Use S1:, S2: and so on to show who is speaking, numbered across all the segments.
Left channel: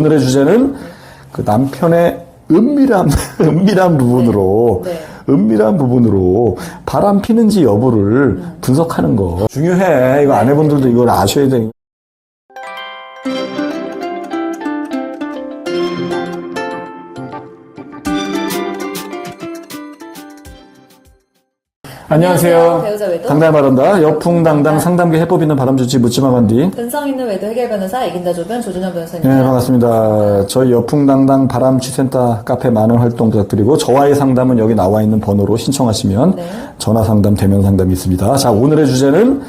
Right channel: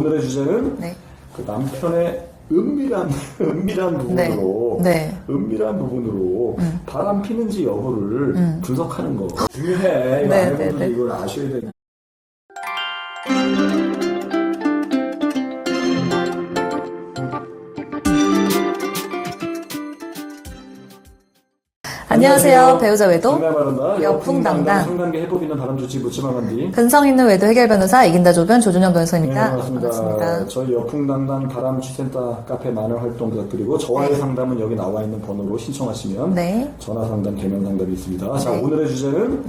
S1: 오늘의 주제는
S2: 네.
S1: 그 남편의 은밀한 은밀한 부분으로
S2: 네. 네.
S1: 은밀한 부분으로 바람 피는지 여부를 분석하는 거 중요해. 이거
S2: 네,
S1: 아내분들도
S2: 네, 네.
S1: 이걸 아셔야 돼.
S2: 안녕하세요. 배우자 외도
S1: 상담하란다. 여풍당당
S2: 여풍당당.
S1: 상담계 해법 있는 바람주치 묻지마 반디.
S2: 근성 있는 외도 해결 변호사 이긴다 조변 조준영
S1: 네,
S2: 변호사입니다.
S1: 반갑습니다. 저희 여풍당당 바람취센터 카페 많은 활동 부탁드리고 저와의 상담은 여기 나와 있는 번호로 신청하시면
S2: 네.
S1: 전화 상담, 대면 상담이 있습니다. 자, 오늘의 주제는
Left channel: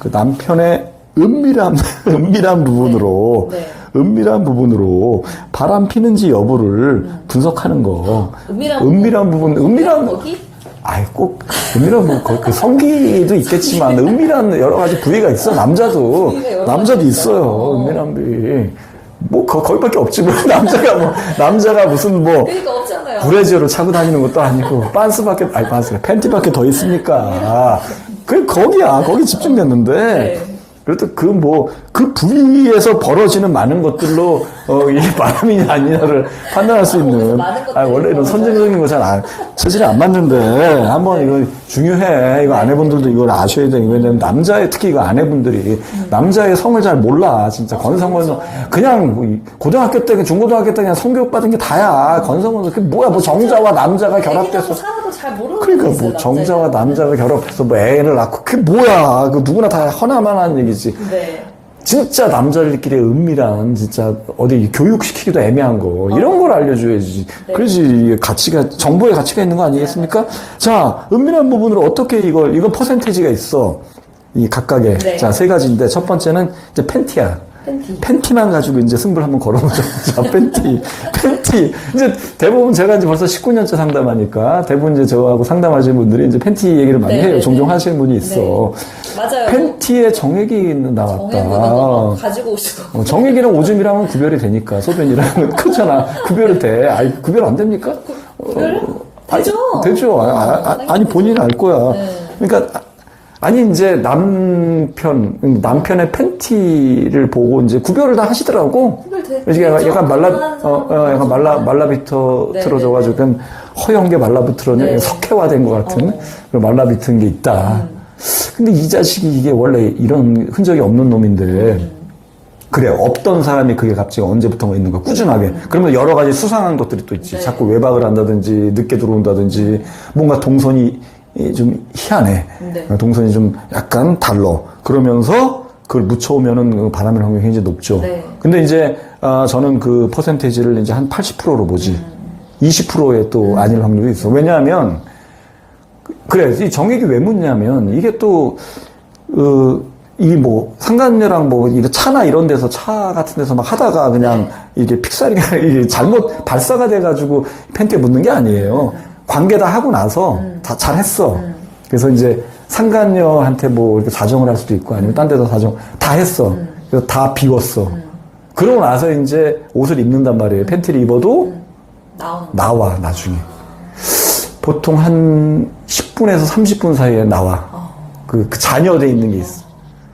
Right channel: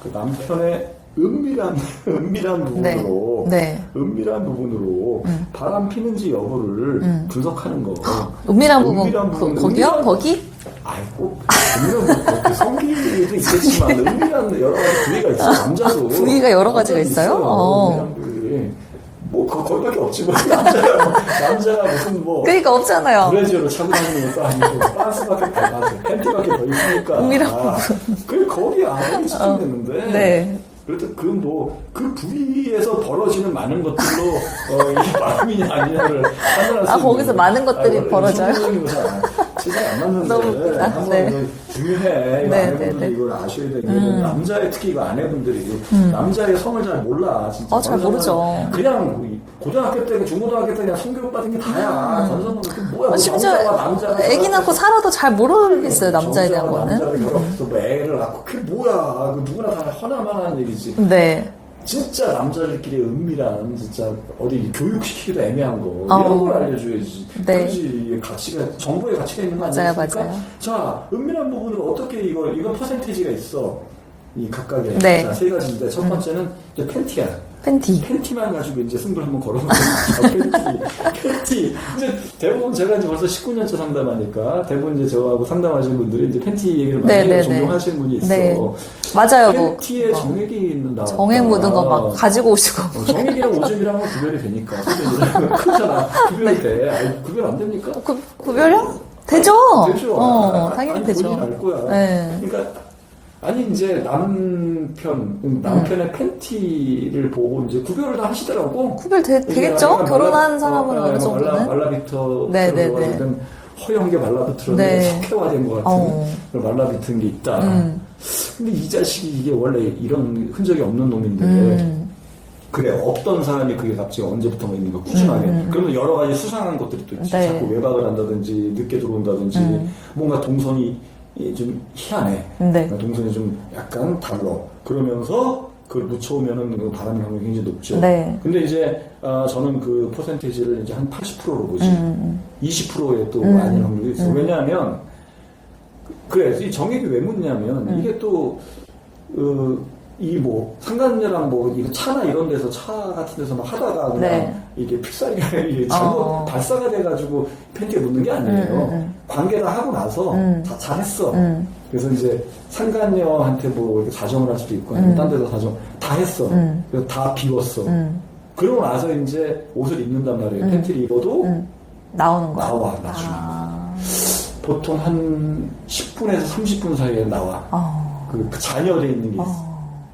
S1: 그 남편의 은밀한 은밀한 부분으로
S2: 네. 네.
S1: 은밀한 부분으로 바람 피는지 여부를 분석하는 거.
S2: 은밀한 부분.
S1: 은밀한 부분,
S2: 거- 거기요?
S1: 은밀한
S2: 거기?
S1: 아이 꼭 은밀한 뭐, 그, 그 성기도 있겠지만 은밀한 여러 가지 부위가 있어 남자도
S2: 부위가 여러
S1: 남자도
S2: 있어요?
S1: 있어요
S2: 어.
S1: 은밀한 부위 뭐 거, 거기밖에 없지 뭐 남자가 뭐 남자가 무슨 뭐
S2: 그러니까 없잖아요.
S1: 브래지어를 차고 다니는 것도 아니고 빤스밖에 아니 빤스 팬티밖에 더 있습니까
S2: 은밀한
S1: 그 거기야 거기 집중됐는데
S2: 네.
S1: 그래도 그 뭐 그 부위에서 벌어지는 많은 것들로 어, 이 바람이 아니냐를 판단할 수
S2: 아,
S1: 있는
S2: 거기서 많은 것들이
S1: 원래 이런
S2: 벌어져요?
S1: 선정적인 거잘 안, 체질이 안 맞는데 한번
S2: 네.
S1: 이거 중요해. 이거
S2: 네,
S1: 아내분들도
S2: 네, 네.
S1: 이걸 아셔야 돼 이거는 남자의 특히 이거 아내분들이 남자의 성을 잘 몰라 진짜.
S2: 아, 모르죠.
S1: 그냥 뭐 이- 고등학교 때 중고등학교 때 그냥 성교육 받은 게 다야. 건성은 그 뭐야 뭐 정자와 남자가
S2: 애기 낳고
S1: 결합해서.
S2: 살아도 잘 모르는 게
S1: 그러니까
S2: 있어요.
S1: 뭐
S2: 남자에
S1: 정자와 남자가 결합해서 뭐 애를 낳고 그게 뭐야. 그 누구나 다 허나만한 얘기 지
S2: 거는. 네.
S1: 진짜 남자들끼리 은밀한 진짜 어디 교육시키기도 애매한 거 이런 걸 알려줘야지
S2: 어. 네.
S1: 이게 가치가 정보의 가치가 있는 거 아니겠습니까?
S2: 맞아요.
S1: 자 은밀한 부분으로 어떻게 이걸 이건 퍼센테이지가 있어 이 각각의
S2: 네.
S1: 자세 가지인데 첫 번째는 이제 팬티야
S2: 팬티.
S1: 팬티만 가지고 이제 승부를 한번 걸어보자. 팬티. 팬티. 이제 대부분 제가 이제 벌써 19년째 상담하니까 대부분 이제 저하고 상담하시는 분들이 이제 팬티 얘기를 많이
S2: 네,
S1: 해요.
S2: 네,
S1: 종종
S2: 네.
S1: 하시는 분이 있어.
S2: 네. 맞아요. 뭐
S1: 팬티에 정액이 나왔다.
S2: 정액 묻은 거막 가지고 오시고.
S1: 어, 정액이랑 오줌이랑은 구별이 되니까 소변이랑은 크잖아. 구별이 돼. 아니, 구별 안 됩니까?
S2: 구, 구별요? 되죠.
S1: 되죠.
S2: 어,
S1: 아, 아,
S2: 당연히
S1: 아니
S2: 되죠.
S1: 본인이 알 거야.
S2: 네.
S1: 그러니까 아니 이제 남편 남편의 팬티를 보고 이제 구별을 다 하시더라고.
S2: 구별되죠.
S1: 이게 약간 말라, 어, 어, 약간 말라,
S2: 말라.
S1: 말라비터
S2: 네,
S1: 틀어져가지고,
S2: 네,
S1: 그냥 허연 게 말라비틀어져,
S2: 네.
S1: 석회화된 것 같은,
S2: 어. 음.
S1: 그런 말라비튼 게 있다. 근데 이 자식이 이게 원래 이런 흔적이 없는 놈인데,
S2: 음.
S1: 그래, 없던 사람이 그게 갑자기 언제부턴가 있는 거야, 꾸준하게. 그러면 여러 가지 수상한 것들이 또 있지.
S2: 음. 네.
S1: 자꾸 외박을 한다든지, 늦게 들어온다든지, 뭔가 동선이 좀 희한해.
S2: 네.
S1: 동선이 좀 약간 달러. 그러면서 그걸 묻혀오면은 그 바람의 확률이 굉장히 높죠.
S2: 네.
S1: 근데 이제 아, 저는 그 퍼센테이지를 이제 한 80%로 보지.
S2: 음,
S1: 20%에 또 아닐 확률이 있어. 왜냐하면 그- 그래 이 정액이 왜 묻냐면 이게 또 어, 이뭐 상간녀랑 뭐 이거 차나 이런 데서 차 같은 데서 막 하다가 그냥
S2: 네.
S1: 이게 픽사리가 이게 잘못
S2: 어.
S1: 발사가 돼가지고 팬티에 묻는 게 아니에요. 관계 다 하고 나서
S2: 음.
S1: 다 잘했어. 그래서 이제 상간녀한테 뭐 이렇게 사정을 할 수도 있고 아니면 딴 데서 사정 다 했어. 그래서 다 비웠어. 그러고 나서 이제 옷을 입는단 말이에요. 팬티를 입어도
S2: 나오는 거.
S1: 나와 나중에. 보통 한 10분에서 30분 사이에 나와.
S2: 어.
S1: 그, 그 잔여돼 있는 게 있어.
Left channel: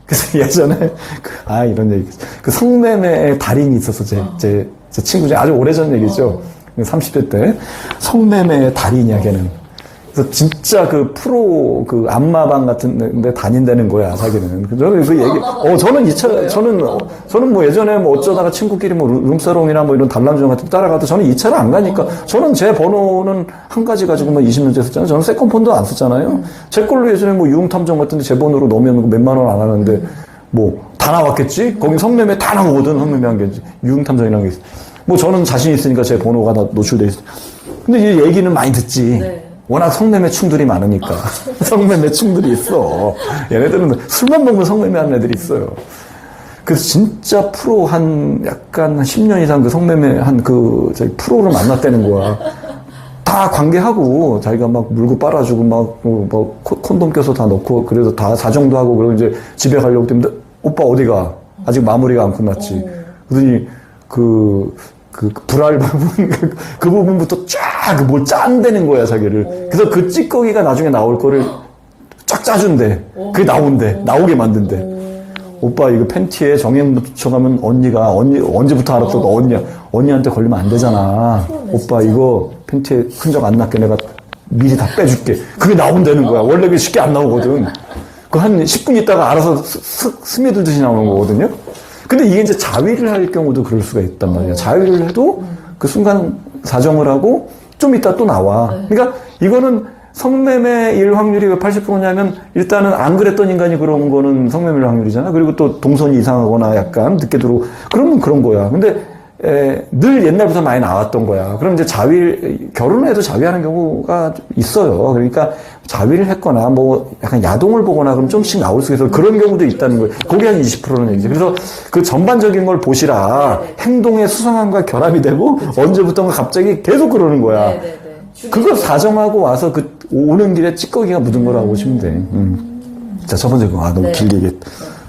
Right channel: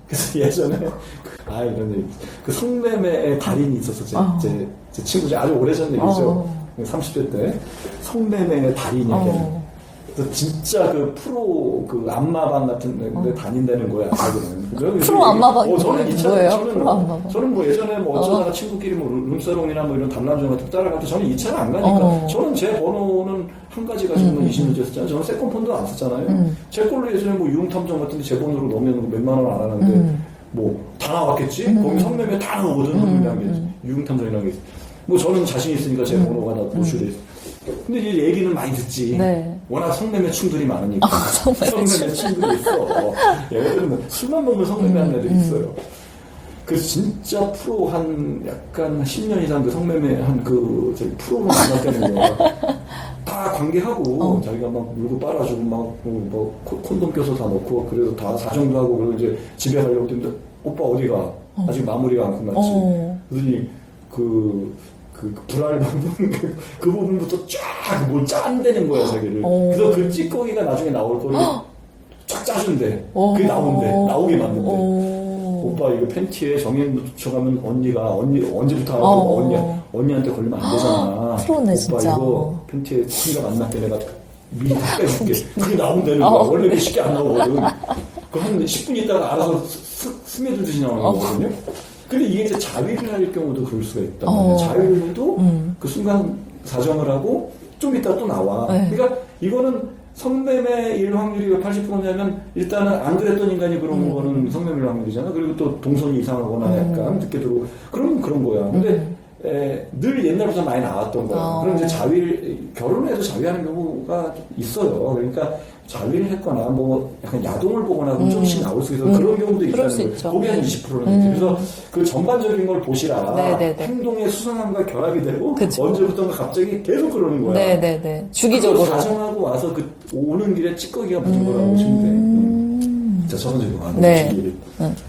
S1: 그래서 예전에 그, 아 이런 얘기. 그 성매매의 달인이 있었어. 제, 제, 제 친구 중에 아주 오래전 얘기죠 30대 때 성매매의 달인이야 걔는 그래서 진짜 그 프로 그 안마방 같은 데 다닌다는 거야 자기는 저는 그 얘기- 어 저는 이차? 저는
S2: 어.
S1: 저는 뭐 예전에 뭐 어쩌다가 친구끼리 뭐 룸- 룸사롱이나 뭐 이런 단란주점 같은 데 따라가도 저는 이 차를 안 가니까
S2: 어.
S1: 저는 제 번호는 한 가지 가지고 뭐 20년째 썼잖아요. 저는 세컨폰도 안 썼잖아요.
S2: 음.
S1: 제 걸로 예전에 뭐 유흥탐정 같은 데 제 번호로 넣으면 몇만 원 안 하는데
S2: 음.
S1: 뭐다 나왔겠지? 거기 성매매 다 나오거든. 성매매 한 게. 유흥탐정이라는 게 있어. 뭐 저는 자신 있으니까 제 번호가 다 노출돼 있어. 근데 이 얘기는 많이 듣지.
S2: 네.
S1: 워낙 성매매 충들이 많으니까. 성매매 충들이 있어. 얘네들은 술만 먹으면 성매매하는 애들이 있어요. 그래서 진짜 프로 한 약간 한 10년 이상 그 성매매 한 그 저기 프로를 만났다는 거야. 다 관계하고 자기가 막 물고 빨아주고 막뭐 콘돔 껴서 다 넣고 그래서 다 사정도 하고 그리고 이제 집에 가려고 했는데 오빠 어디가 아직 마무리가 안 끝났지.
S2: 어.
S1: 그러더니 그, 그, 그 불알 부분, 그, 그 부분부터 쫙, 뭘 짠다는 거야, 자기를. 그래서 그 찌꺼기가 나중에 나올 거를 쫙 짜준대. 그게 나온대. 나오게 만든대. 오 빠 이거 팬티에 정액 묻혀가면 언니가 언니 언제부터 알았어? 너
S2: 어.
S1: 언니 언니한테 걸리면 안 되잖아.
S2: 프로네,
S1: 오빠
S2: 진짜.
S1: 이거 팬티에 흔적 안 났게 내가 미리 다 빼줄게. 그게 나온다는 거야. 원래 그게 쉽게 안 나오거든. 그 한 10분 있다가 알아서 스, 스, 스며들듯이 나오는 거거든요. 근데 이게 이제 자위를 할 경우도 그럴 수가 있단 말이야. 자위를 해도 그 순간 사정을 하고 좀 이따 또 나와. 그러니까 이거는 성매매일 확률이 왜 80%냐면 일단은 안 그랬던 인간이 그런 거는 성매매일 확률이잖아. 그리고 또 동선이 이상하거나 약간 늦게 들어오고 그러면 그런 거야. 근데 에, 늘 옛날부터 많이 나왔던 거야. 그럼 이제 자위, 결혼을 해도 자위하는 경우가 있어요. 그러니까 자위를 했거나 뭐 약간 야동을 보거나 그럼 좀씩 나올 수 있어서 그런 경우도 있다는 거예요. 그게 한 20%는 이제. 그래서 그 전반적인 걸 보시라.
S2: 네네네.
S1: 행동의 수상함과 결합이 되고
S2: 그쵸.
S1: 언제부턴가 갑자기 계속 그러는 거야.
S2: 네네네.
S1: 그걸
S2: 주기적으로.
S1: 사정하고 와서 그 오는 길에 찌꺼기가 묻은 거라고 보시면 돼. 음. 자, 첫 번째 거. 아, 너무
S2: 네.
S1: 길게 얘기했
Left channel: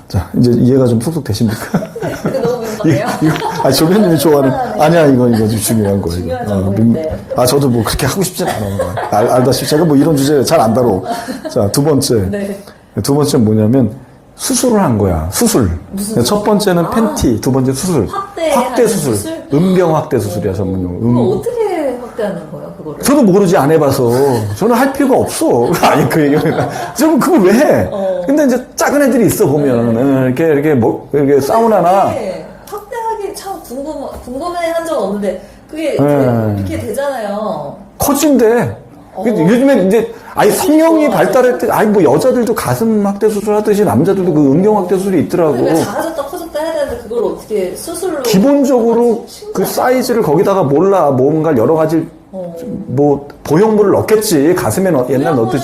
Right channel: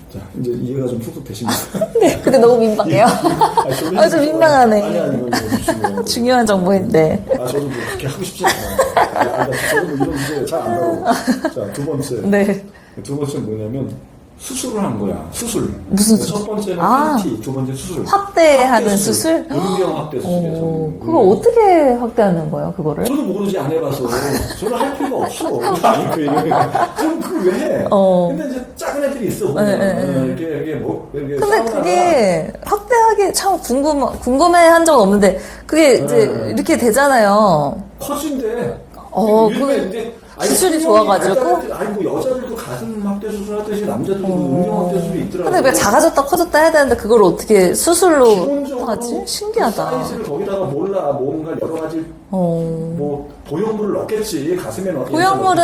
S1: 자, 이제 이해가 좀 쏙쏙 되십니까?
S2: 근데 너무 민망해요.
S1: 아,
S2: 아,
S1: 조변님
S2: 좀
S1: 좋아하는. 아니야, 이건, 이건 좀 중요한 거예요.
S2: 중요한
S1: 아,
S2: 정보인데.
S1: 아, 저도 뭐 그렇게 하고 싶지 않아요. 알, 알다시피 제가 뭐 이런 주제 잘 안 다뤄. 자, 두 번째.
S2: 네.
S1: 두 번째는 뭐냐면, 수술을 한 거야. 수술.
S2: 무슨
S1: 첫 번째는
S2: 아.
S1: 팬티, 두 번째 수술.
S2: 확대하는 수술?
S1: 음경 확대 수술이야, 전문용. 음.
S2: 어떻게 확대하는 거예요, 그거를?
S1: 저도 모르지 안 해봐서 저는 할 필요가 없어. 아니 그 얘기. 저는 그걸 왜 해?
S2: 어.
S1: 근데 이제 작은 애들이 있어 보면
S2: 네, 네,
S1: 어, 이렇게 이렇게 뭐 이렇게 사우나나
S2: 그게 확대하기 참 궁금, 궁금해 한 적은 없는데, 그게 이제
S1: 네.
S2: 이렇게 되잖아요.
S1: 커진대.
S2: 어.
S1: 요즘에 이제 아니 성형이
S2: 좋아가지고?
S1: 발달했대. 아니 뭐 여자들도 가슴 확대 수술 하듯이 남자들도 그 음경 확대 수술이 있더라고.
S2: 근데 왜 작아졌다 커졌다 해야 되는데, 그걸 어떻게 수술로.
S1: 기본적으로? 그. 사이즈를 거기다가 몰라 뭔가 여러 가지
S2: 어.
S1: 뭐 보형물을 넣겠지 가슴에 넣, 옛날
S2: 부여물은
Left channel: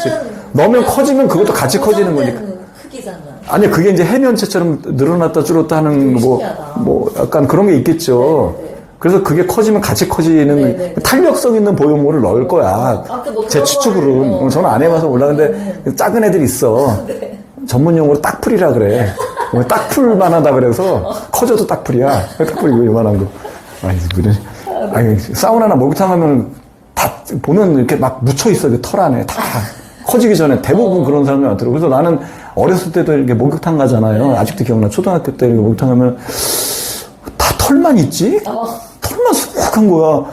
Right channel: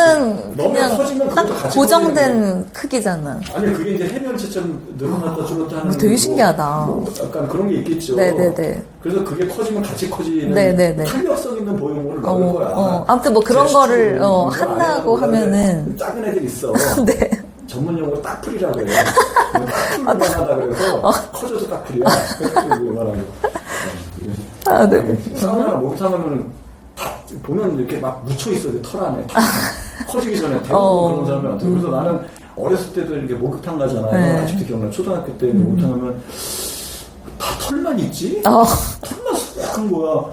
S1: 넣으면 커지면 그것도
S2: 딱
S1: 같이 커지는 거니까.
S2: 크기잖아.
S1: 아니 그게 이제 해면체처럼 늘어났다 줄었다 하는
S2: 되게
S1: 뭐,
S2: 신기하다.
S1: 뭐 약간 그런 게 있겠죠.
S2: 네네네.
S1: 그래서 그게 커지면 같이 커지는
S2: 네네네.
S1: 탄력성 있는 보형물을 넣을
S2: 어,
S1: 거야.
S2: 어. 아무튼 뭐 그런 거를, 어,
S1: 저는 안 해봐서 몰랐는데 작은 애들 있어.
S2: 네.
S1: 전문 용어로 딱풀이라 그래. 뭐 딱풀만 하다 그래서 커져도 딱풀이야. 딱풀이 왜 이만한 거. 아이, 그래. 아니, 사우나나 목욕탕 하면 다 보면 이렇게 막 묻혀 있어. 그털 안에 다. 커지기 전에 대부분
S2: 어.
S1: 그런 사람이 많더라고. 그래서 나는 어렸을 때도 이렇게 목욕탕 가잖아요.
S2: 네.
S1: 아직도 기억나. 초등학교 때 이렇게 목욕탕 가면 다 털만 있지?
S2: 어.
S1: 털만 수북한 거야.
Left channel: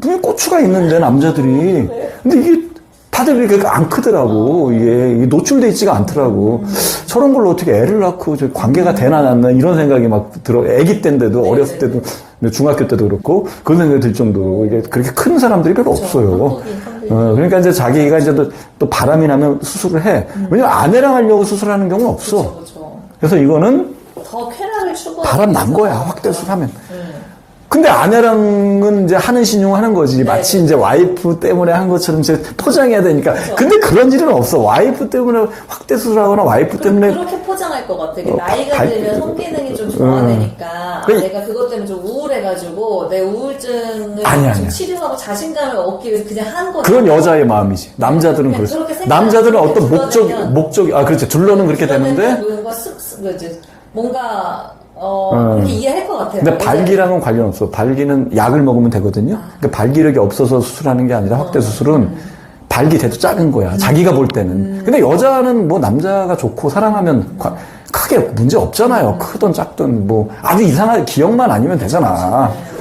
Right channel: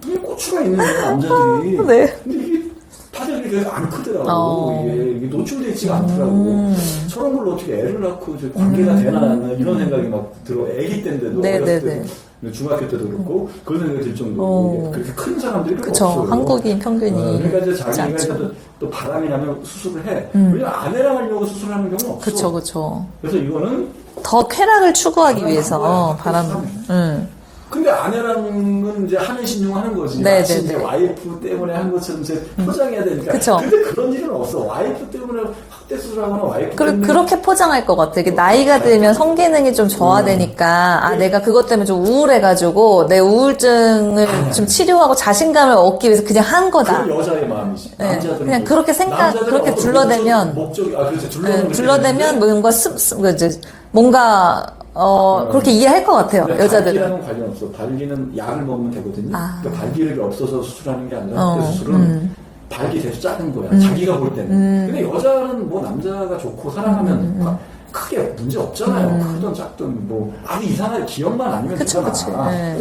S1: 눈에 고추가 있는데 남자들이.
S2: 네.
S1: 근데 이게 다들 그렇게 안 크더라고.
S2: 어.
S1: 이게 노출돼 있지가 않더라고.
S2: 음.
S1: 저런 걸로 어떻게 애를 낳고 저 관계가 되나 않나 이런 생각이 막 들어. 애기 때인데도
S2: 네,
S1: 어렸을
S2: 네,
S1: 때도 근데 중학교 때도 그렇고 그런 생각이 들 정도로
S2: 어.
S1: 이게 그렇게 큰 사람들이 별로
S2: 그쵸.
S1: 없어요.
S2: 한국인 평균이.
S1: 어, 그러니까 이제 자기가 이제 또, 또 바람이 나면 수술을 해. 왜냐면 아내랑 하려고 수술하는 경우는 없어.
S2: 음. 그쵸, 그쵸.
S1: 그래서 이거는
S2: 더 쾌락을 추구하기
S1: 바람 난
S2: 위해서.
S1: 거야.
S2: 어, 바람.
S1: 수술하면.
S2: 응.
S1: 근데 아내랑은 이제 하는 신용 하는 거지.
S2: 네,
S1: 마치
S2: 네,
S1: 이제 와이프 때문에 한 것처럼 이제 포장해야 되니까.
S2: 그쵸.
S1: 근데 그런 일은 없어. 와이프 때문에 확대 수술 하거나 와이프
S2: 그리고
S1: 때문에
S2: 그렇게 포장할 것 같아. 이게
S1: 어,
S2: 나이가
S1: 발-
S2: 들면 성기능이 좀 저하되니까, 아,
S1: 그래.
S2: 내가 그것 때문에 좀 우울해가지고, 내 우울증을
S1: 아니야,
S2: 좀
S1: 아니야.
S2: 치료하고 자신감을 얻기 위해서 그냥 한 거다.
S1: 그건 여자의 마음이지. 남자들은
S2: 그냥
S1: 그렇지.
S2: 그렇게 생각-
S1: 남자들은
S2: 그렇게
S1: 어떤
S2: 둘러대면-
S1: 목적, 목적이, 아, 그렇죠. 둘러는 그렇게
S2: 불러내면
S1: 되는데.
S2: 뭔가 습, 습, 그 이제 뭔가 어,
S1: 음.
S2: 그렇게 이해할 것 같아요.
S1: 근데. 발기랑은 관련 없어. 발기는 약을 먹으면 되거든요.
S2: 아.
S1: 그 발기력이 없어서 수술하는 게 아니라 확대
S2: 어,
S1: 수술은
S2: 음.
S1: 발기 대도 작은 거야. 자기가 볼 때는. 근데 여자는 뭐 남자가 좋고 사랑하면
S2: 음.
S1: 과- 크게 문제 없잖아요. 크든 작든 뭐 아주 이상한 기억만 아니면 되잖아.
S2: 네.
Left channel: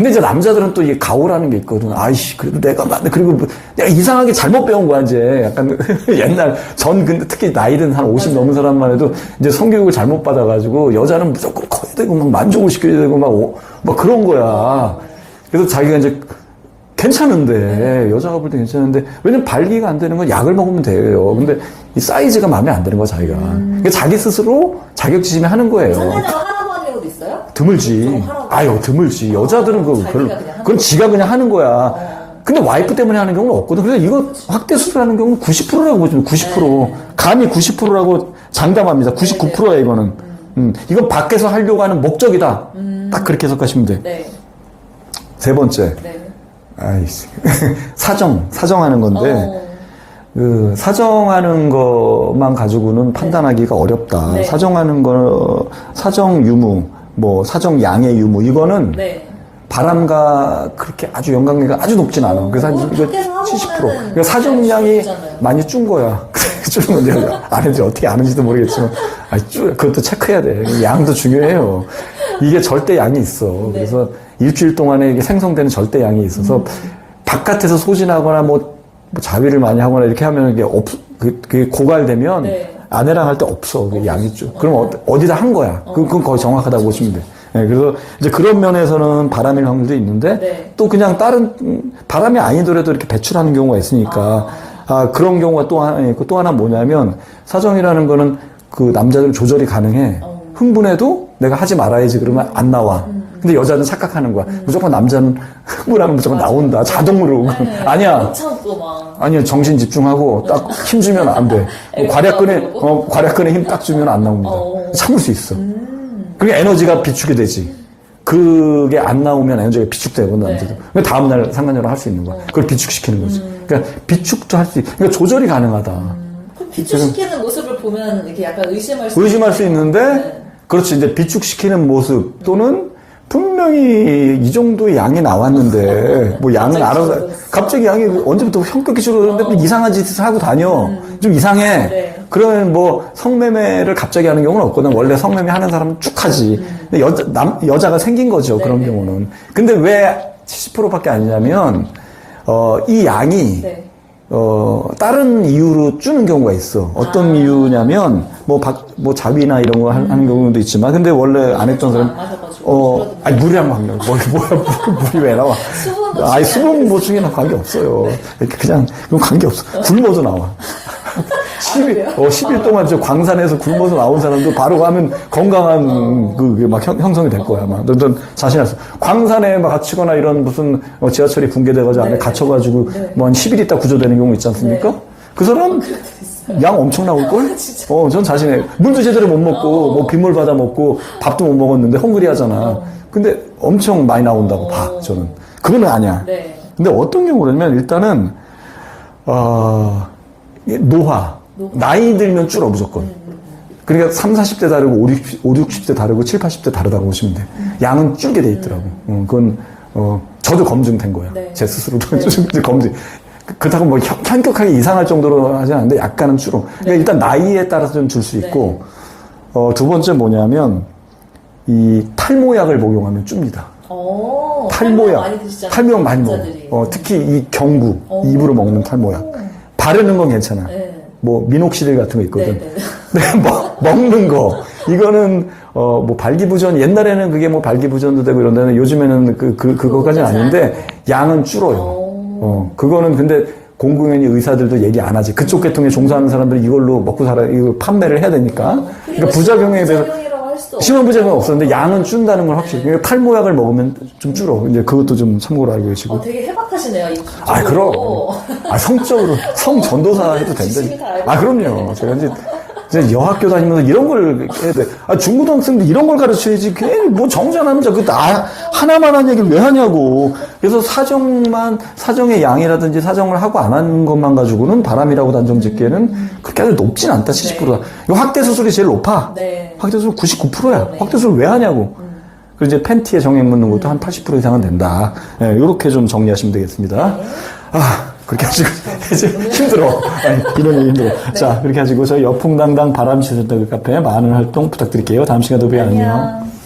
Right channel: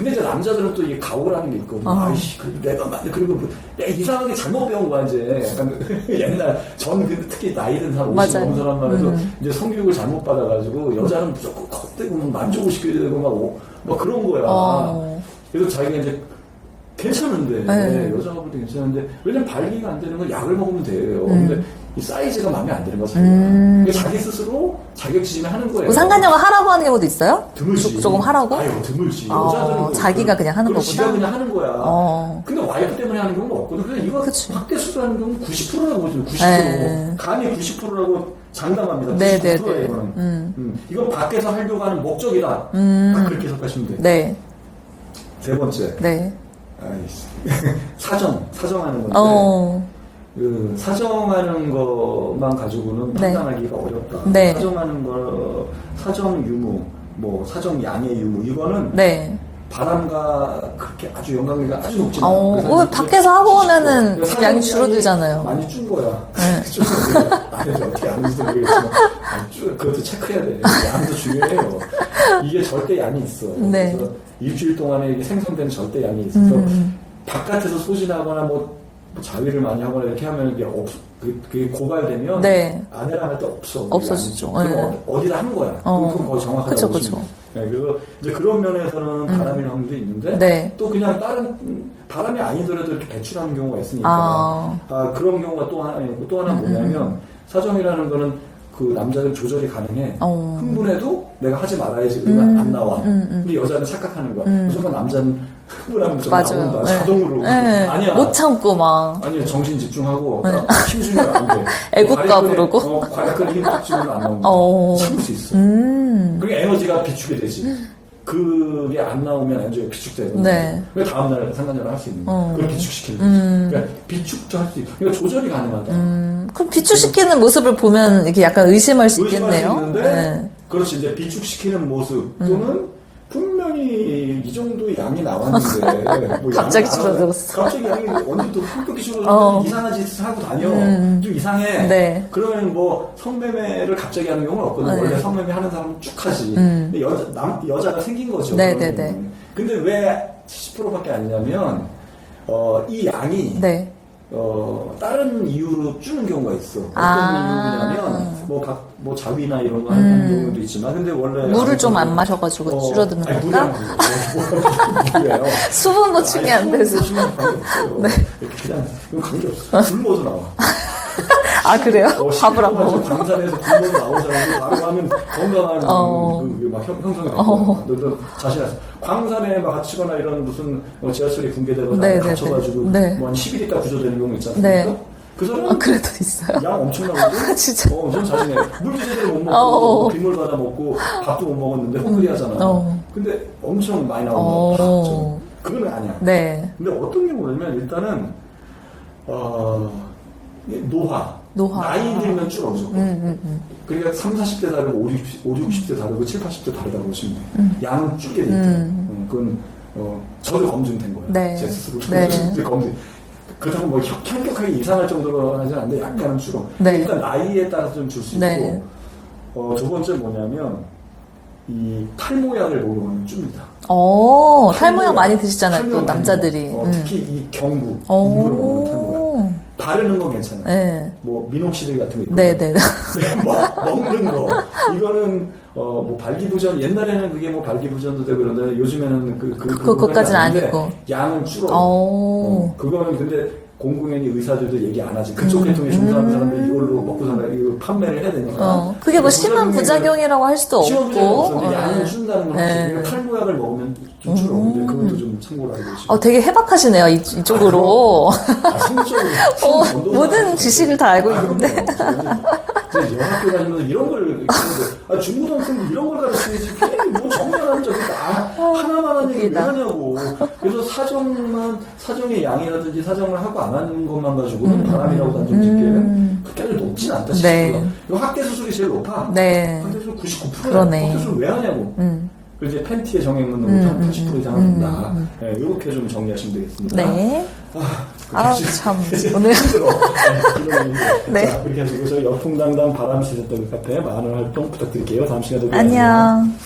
S1: 근데 이제 남자들은 또 이게 가오라는 게 있거든.
S2: 어.
S1: 아이씨, 그래도 내가 맞네. 그리고 뭐 내가 이상하게 잘못 배운 거야, 이제. 약간 옛날, 전 근데 특히 나이든 한 50
S2: 맞아요. 음.
S1: 넘은 사람만 해도 이제 성교육을 잘못 받아가지고 여자는 무조건 커야 되고 막 만족을 시켜야 되고 막, 오- 막 그런 거야.
S2: 어.
S1: 그래서 자기가 이제 괜찮은데
S2: 네.
S1: 여자가 볼 때 괜찮은데 왜냐면 발기가 안 되는 건 약을 먹으면 돼요.
S2: 음.
S1: 근데 이 사이즈가 마음에 안 드는 거야 자기가. 그러니까 자기 스스로 자격지심에 하는 거예요.
S2: 뭐 상간녀가 하라고 하는 경우도 있어요?
S1: 드물지.
S2: 조금 하라고?
S1: 아유, 드물지.
S2: 어,
S1: 여자들은 그
S2: 자기가
S1: 그건-
S2: 그냥 하는
S1: 그건
S2: 거구나.
S1: 지가 그냥 하는 거야.
S2: 어.
S1: 근데 와이프 때문에 하는 경우는 없거든. 그래서 이거 확대 수술하는 경우는 90%라고 보죠. 90%.
S2: 네.
S1: 감히 90%라고 장담합니다. 99%야 이거는. 음. 이건 밖에서 하려고 하는 목적이다. 딱 그렇게 해석하시면 돼.
S2: 네,
S1: 세 번째.
S2: 네.
S1: 아이씨. 사정. 사정하는 건데.
S2: 어,
S1: 그 사정하는 것만 가지고는 판단하기가 어렵다.
S2: 네.
S1: 사정하는 거, 사정 유무, 뭐 사정 양의 유무 이거는
S2: 네.
S1: 바람과 그렇게 아주 연관계가 아주 높진 않아.
S2: 어, 그거
S1: 한
S2: 밖에서 하고
S1: 70%.
S2: 오면은
S1: 그러니까 사정량이. 많이 준 거야. 줄었는데 아는지 어떻게 아는지도 모르겠지만 아니, 줄 그것도 체크해야 돼. 그 양도 중요해요. 이게 절대 양이 있어.
S2: 네.
S1: 그래서 일주일 동안에 이게 생성되는 절대 양이 있어서
S2: 음.
S1: 바깥에서 소진하거나 뭐, 뭐 자위를 많이 하거나 이렇게 하면 이게 없, 그, 그게 고갈되면
S2: 네.
S1: 아내랑 할 때 없어. 그
S2: 없었어.
S1: 양이 좀.
S2: 네.
S1: 그럼 어, 어디다 한 거야.
S2: 어.
S1: 그건 거의 정확하다고
S2: 그쵸,
S1: 보시면. 돼. 네, 그래서 이제 그런 면에서는 바람일 확률도 있는데
S2: 네.
S1: 또 그냥 다른 음, 바람이 아니더라도 이렇게 배출하는 경우가 있으니까
S2: 아.
S1: 아, 그런 경우가 또 하나 있고 또 하나 뭐냐면 사정이라는 거는 그 남자들 조절이 가능해.
S2: 어.
S1: 흥분해도 내가 하지 말아야지 그러면 안 나와. 근데 여자는 착각하는 거야. 무조건 남자는 흥분하면 무조건
S2: 맞아요.
S1: 나온다.
S2: 네.
S1: 자동으로.
S2: 네.
S1: 아니야.
S2: 못 참고 막.
S1: 아니요, 정신 집중하고 딱 힘주면 안 돼.
S2: 부르고?
S1: 어, 괄약근에 힘 딱 주면 안 나옵니다.
S2: 어.
S1: 참을 수 있어. 그게 에너지가 비축이 되지. 그게 안 나오면 에너지가 비축되고
S2: 네.
S1: 그 다음날 상관적으로 할 수 있는 거야. 그걸 비축시키는 거지. 그러니까 비축도 할 수 있, 그러니까 조절이 가능하다.
S2: 그럼 비추시키는 모습을 보면 이렇게 약간 의심할 수
S1: 의심할 수. 있는데,
S2: 네.
S1: 그렇지. 이제 비축시키는 모습 또는 분명히 이 정도의 양이 나왔는데, 뭐 양은
S2: 갑자기 줄어들었어.
S1: 갑자기 양이 언제부터 현격히 줄어들었는데
S2: 어.
S1: 이상한 짓을 하고 다녀. 좀 이상해.
S2: 네.
S1: 그러면 뭐 성매매를 갑자기 하는 경우는 없거든. 원래 성매매 하는 사람은 쭉 하지. 근데 여자, 남, 여자가 생긴 거죠.
S2: 음. 네,
S1: 그런
S2: 네, 네.
S1: 경우는. 근데 왜 70%밖에 아니냐면, 어, 이 양이
S2: 네.
S1: 어, 다른 이유로 주는 경우가 있어. 어떤
S2: 아.
S1: 이유냐면, 뭐, 박, 뭐, 자위나 이런 거 한- 하는 경우도 있지만, 근데 원래 안
S2: 음. 물을 좀안
S1: 건-
S2: 마셔가지고 줄어드는
S1: 아니, 물이? 안 먹는 거. 뭐야, 물이 왜 나와?
S2: 수분 보충이
S1: 아니,
S2: 안
S1: 수분
S2: 돼서.
S1: 보충이랑 관계 없어요. 이렇게 그냥, 그건 관계 없어. 굶어서 나와.
S2: 아,
S1: 10일,
S2: 그래요?
S1: 어, 10일
S2: 밥을 안
S1: 동안 저 광산에서 굶어서 나온 사람도 바로 가면 건강한
S2: 어.
S1: 그, 그게 막 형, 성이될 거야. 막. 넌, 넌 자신 없어. 광산에 막 갇히거나 이런 무슨 어, 지하철이 붕괴돼가지고 안에 갇혀가지고
S2: 네.
S1: 뭐한 10일 있다 구조되는 경우 있지 않습니까?
S2: 네.
S1: 그 사람
S2: 그래도 있어요.
S1: 양 엄청 나올걸?
S2: 진짜.
S1: 어, 전 자신해. 물도 제대로 못 먹고,
S2: 어, 어.
S1: 뭐 빗물 받아 먹고, 밥도 못 먹었는데 헝그리 하잖아.
S2: 어.
S1: 근데 엄청 많이 나온다고
S2: 어.
S1: 봐, 저는. 그거는 아니야.
S2: 네.
S1: 근데 어떤 경우냐면 일단은, 어, 이 노화.
S2: 노화.
S1: 나이 들면 줄어, 무조건. 그러니까 3, 40대 다르고 5, 60, 5 60대 다르고 7, 80대 다르다고 보시면 돼. 양은 줄게 돼 있더라고. 어, 그건, 어, 저도 검증된 거예요.
S2: 네.
S1: 제 스스로도
S2: 네.
S1: 검증. 그렇다고 뭐 현- 현격하게 이상할 정도로 하지 않는데 약간은 줄어.
S2: 네.
S1: 일단 나이에 따라서 좀 줄 수 있고,
S2: 네.
S1: 어, 두 번째 뭐냐면, 이 탈모약을 복용하면 줍니다.
S2: 어, 탈모약 많이 드시잖아요.
S1: 탈모약 많이
S2: 남자들이.
S1: 먹어. 어,
S2: 음.
S1: 특히 이 경구,
S2: 오.
S1: 입으로 먹는 탈모약. 바르는 건 괜찮아요.
S2: 네.
S1: 뭐 미녹시딜 같은 거 있거든.
S2: 네, 네, 네.
S1: 근데 먹- 먹는 거 이거는 어 뭐 발기부전 옛날에는 그게 뭐 발기부전도 되고 이런데 요즘에는 그, 그
S2: 그것까지는
S1: 아닌데. 양은 줄어요.
S2: 오.
S1: 어 그거는 근데 공공연히 의사들도 얘기 안 하지. 그쪽 계통에 종사하는 사람들은 이걸로 먹고 살아 이거 판매를 해야 되니까.
S2: 음. 어, 그게 뭐 심한
S1: 대한-
S2: 부작용이라고 할 수도 없고.
S1: 심한 부작용 없었는데 양은
S2: 어.
S1: 준다는 건 확실히.
S2: 네.
S1: 그러니까 탈모약을 먹으면 좀 줄어. 이제 그것도 좀 참고로 알고 계시고.
S2: 어, 되게 해박하시네요, 이,
S1: 아,
S2: 이쪽으로.
S1: 그럼. 아, 성적으로, 성 전도사
S2: 모든. 지식을 다 알고
S1: 아, 그럼요. 저 이제, 이제 여학교 다니면서 이런 걸 해야 돼. 아, 중고등학생들 이런 걸 가르쳐야지. 괜히 뭐 정전하면 저그 나, 하나만 한 얘기를 왜 하냐고. 그래서 사정만, 사정의 양이라든지 사정을 하고 안 하는 것만 가지고는 바람이라고 단정 짓기에는 그렇게 아주 높진 않다, 70%가.
S2: 네.
S1: 이거 확대 수술이 제일 높아.
S2: 네.
S1: 확대 수술 99%야.
S2: 그러네. 음.
S1: 확대 수술 왜 하냐고. 그리고 이제 팬티에 정액 묻는 것도 한 80% 이상은 된다. 예, 이렇게 좀 정리하시면 되겠습니다.
S2: 네.
S1: 아, 그렇게
S2: 아우,
S1: 하시고 힘들어. 네, 이런 게 힘들어.
S2: 네.
S1: 자, 그렇게 하시고 저희 여풍당당 바람 시설대 카페 많은 활동 부탁드릴게요. 다음 시간에 또 봬요.
S2: 안녕.